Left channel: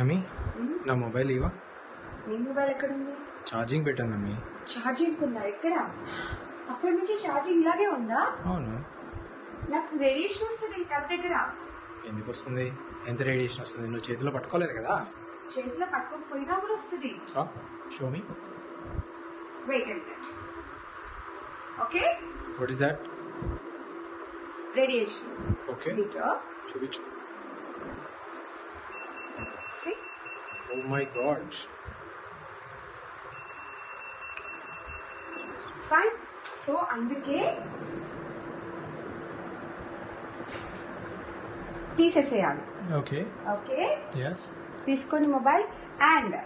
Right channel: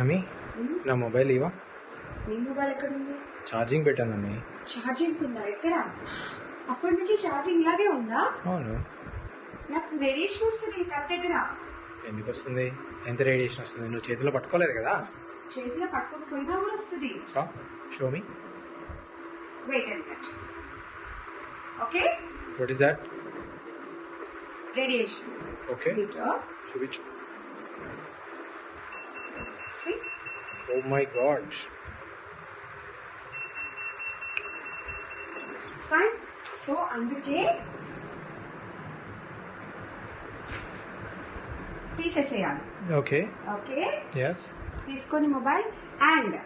అమ్మి నా మొబైల్ ఇవా. నీ మొబైల్ ఎక్కడ ఉంది? ఛార్జింగ్ పెట్టాను అమ్మి. ఛార్జింగ్ ఉందా? ఎక్కడ? అప్పటి నుంచి ఛార్జింగ్ ఇలాగే ఉందా? అవును. నాకు రేడియేషన్ వస్తుంది నా దగ్గర. ఎందుకు వస్తుంది? ఎంత రేడియేషన్ వస్తుంది? నువ్వు చేతిలో పట్టుకోలేదు కదా. చేతిలో పట్టుకోకపోయినా కూడా వస్తుంది. Show me. Wait and watch. Okay, what is that? Radiation. Okay, చూపించు. See? Oh my god. Fine. So అందుకే తీసేసేయాలి. ఓకే. Okay, yes. తీసుకొని మొబైల్ అండ్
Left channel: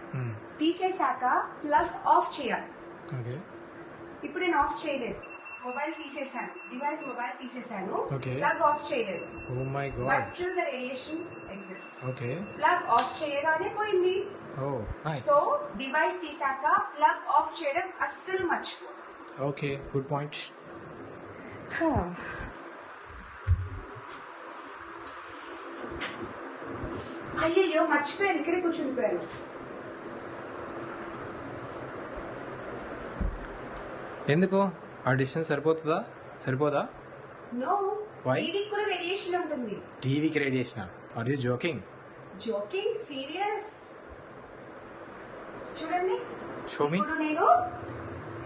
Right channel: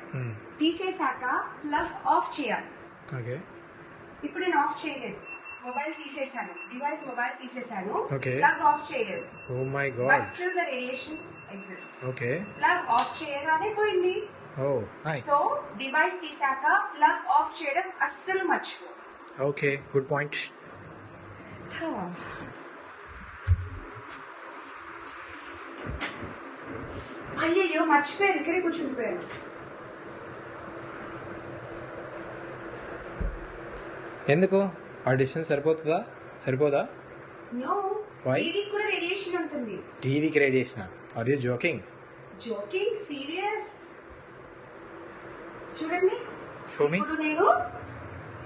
తీసేసాక ప్లగ్ ఆఫ్ చేయాలి. ఓకే. ఇప్పుడు నేను ఆఫ్ చేయలేదు, మొబైల్ తీసేసాను, డివైస్ మొబైల్ తీసేసాను, Okay. ప్లగ్ ఆఫ్ చేయలేదు. Oh my but god. Still the radiation exist. Okay. Plug off చేయగానే పోయింది. Oh, nice. సో డివైస్ తీసాక ప్లగ్ ఆఫ్ చేయడం అస్సలు మర్చిపో. Okay, good point. అయ్యయ్యో మర్చిపోయాను, ఇక్కడే కూర్చుండిపోయాను. ఎందుకు? ఆ డిస్టెన్స్ సరిపోదా? No, Why? టీవీ కూడా రేడియేషన్ ఉంటుంది. టీవీకి radiation? Are you joking? Joking, serious. చూడండి, షో మీ. ఇప్పుడు నేను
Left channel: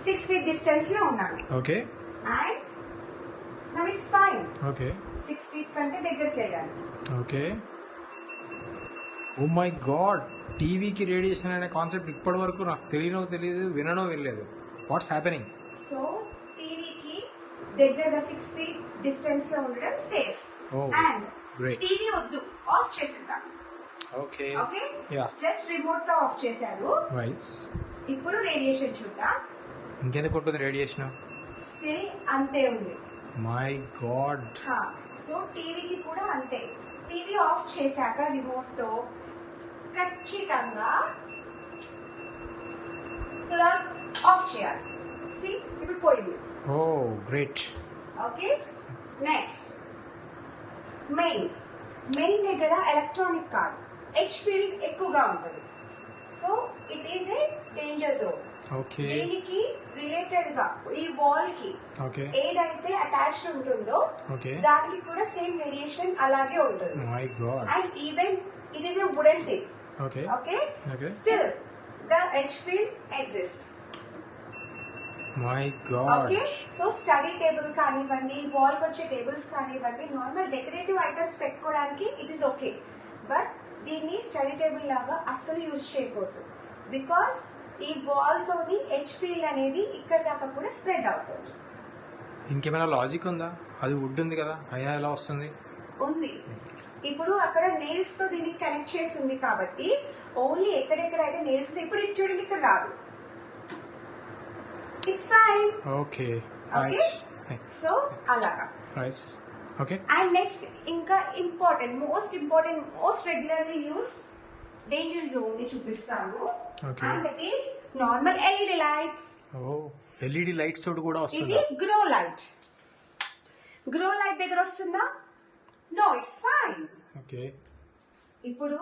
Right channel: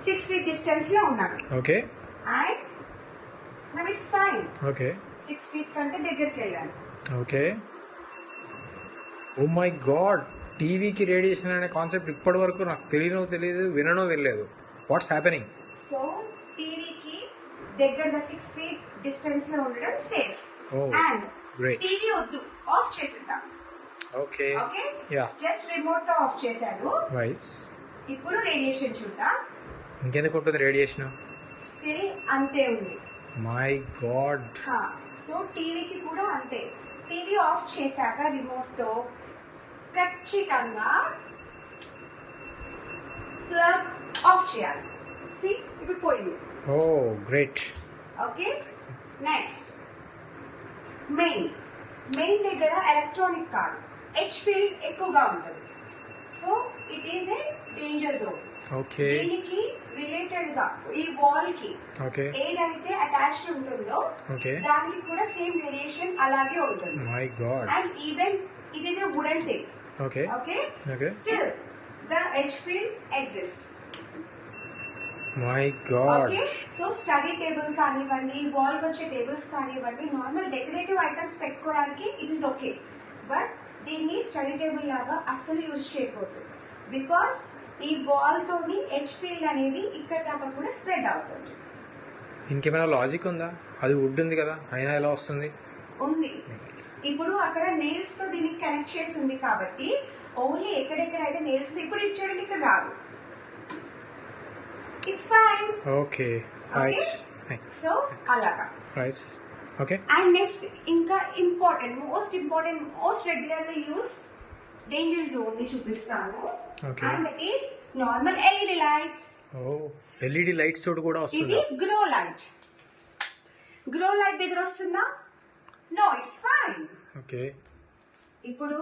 6 feet డిస్టెన్స్ లో ఉన్నాను okay. And now it's fine. Okay. 6 feet కంటే దగ్గరికి వెళ్ళాను. ఓకే. ఓ మై గాడ్, టీవీకి రేడియేషన్ అనే కాన్సెప్ట్ ఇప్పటి వరకు నాకు తెలియదు, వినలేదు. What's happening? సో టీవీకి దగ్గరగా 6 feet డిస్టెన్స్ లో ఉండడం safe. Oh, and great. TV వద్దు, ఆఫ్ చేసేద్దాం. Okay. Okay, yeah, just remote తో ఆఫ్ చేశాను. వైస్. ఇప్పుడు రేడియేషన్ చూద్దాం. ఇంకెందుకు ఉంటుంది రేడియేషన్? స్టిల్ అంతే ఉంది. My God. సో టీవీకి కూడా అంతే. టీవీ ఆఫ్ చేశాక రిమోట్ తో ఖచ్చితంగా ప్లగ్ ఆఫ్ చేయాలి. సి, ఇప్పుడు పోయింది. ఓ గ్రేట్. ఓకే, నెక్స్ట్ మెయిన్ దగ్గర ఎలక్ట్రానిక్ కాదు, హెచ్ ఫీల్డ్ ఎక్కువగా ఉంటుంది. So it is a danger zone. Okay. దీనికి రిలేటెడ్ గా ఈ వాల్ కి ఓకే. ఏదైతే అటాచ్డ్ ఉంటుందో ఓకే. దానికి కూడా సేమ్ రేడియేషన్ అలాగే ఉంటుంది. My God. And even it is a wooden thing. Okay. Okay, okay. Still the H field exists. My God. Okay, so study table కానివ్వండి, వాల్ వచ్చే టేబుల్స్ కానివ్వండి, నార్మల్ డెకరేటివ్ ఐటమ్స్ పెట్టుకోవడానికి it is okay. But దీన్ని study table లాగా అస్సలు use చేయకూడదు. Because ఈ wall తోని హెచ్ ఫీల్డ్ అనేది ఇక్కడ దాకా కూడా స్ప్రెడ్ అవుతుంది. ఇంకేమైనా లాజిక్ ఉందా? అది వుడ్ ఉంది కదా, అయినా ఎలా వస్తుంది? ఉంది. ఇప్పుడు అక్కడ నెయిల్స్ తో దీన్ని కనెక్ట్ చేసి ఉంది కాబట్టి ఓన్లీ ఎక్కడెక్కడైతే నెయిల్స్ ఇప్పుడు ఇచ్చోడికి ఇక్కడ రాదు. It's fine. Okay. Right. So అలాగా. రైట్. ఓకే. అండ్ నెక్స్ట్ ఇంకా most important most regularly use danger zone ని చూపిస్తాను. Okay. And that is normal LED lights. Oh, LED lights తోటి కూడా ఇది వస్తుందా? గ్రో లైట్ దగ్గర వస్తుందా? No, it's fine. ఓకే. ఇప్పుడు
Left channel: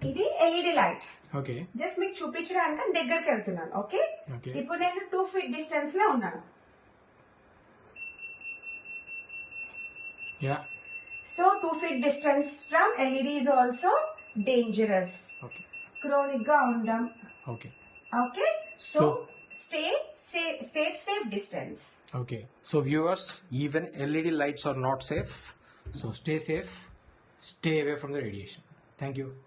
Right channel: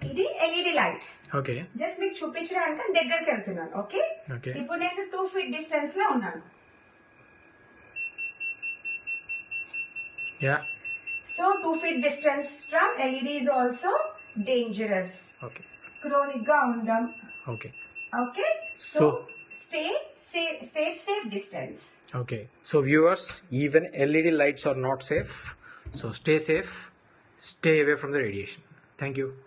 ఇది ఎల్ఈడి లైట్. ఓకే. జస్ట్ మీకు చూపించడానికి దగ్గరికి వెళ్తున్నాను. Okay, okay. ఇప్పుడు నేను 2 feet డిస్టెన్స్ లో ఉన్నాను. Yeah. So 2 feet distance from LED is also dangerous. Okay. Chronic గా ఉండడం. Okay. Okay, so So, stay safe distance. Okay. So viewers, even LED lights are not safe. So stay safe. Stay away from the radiation. Thank you.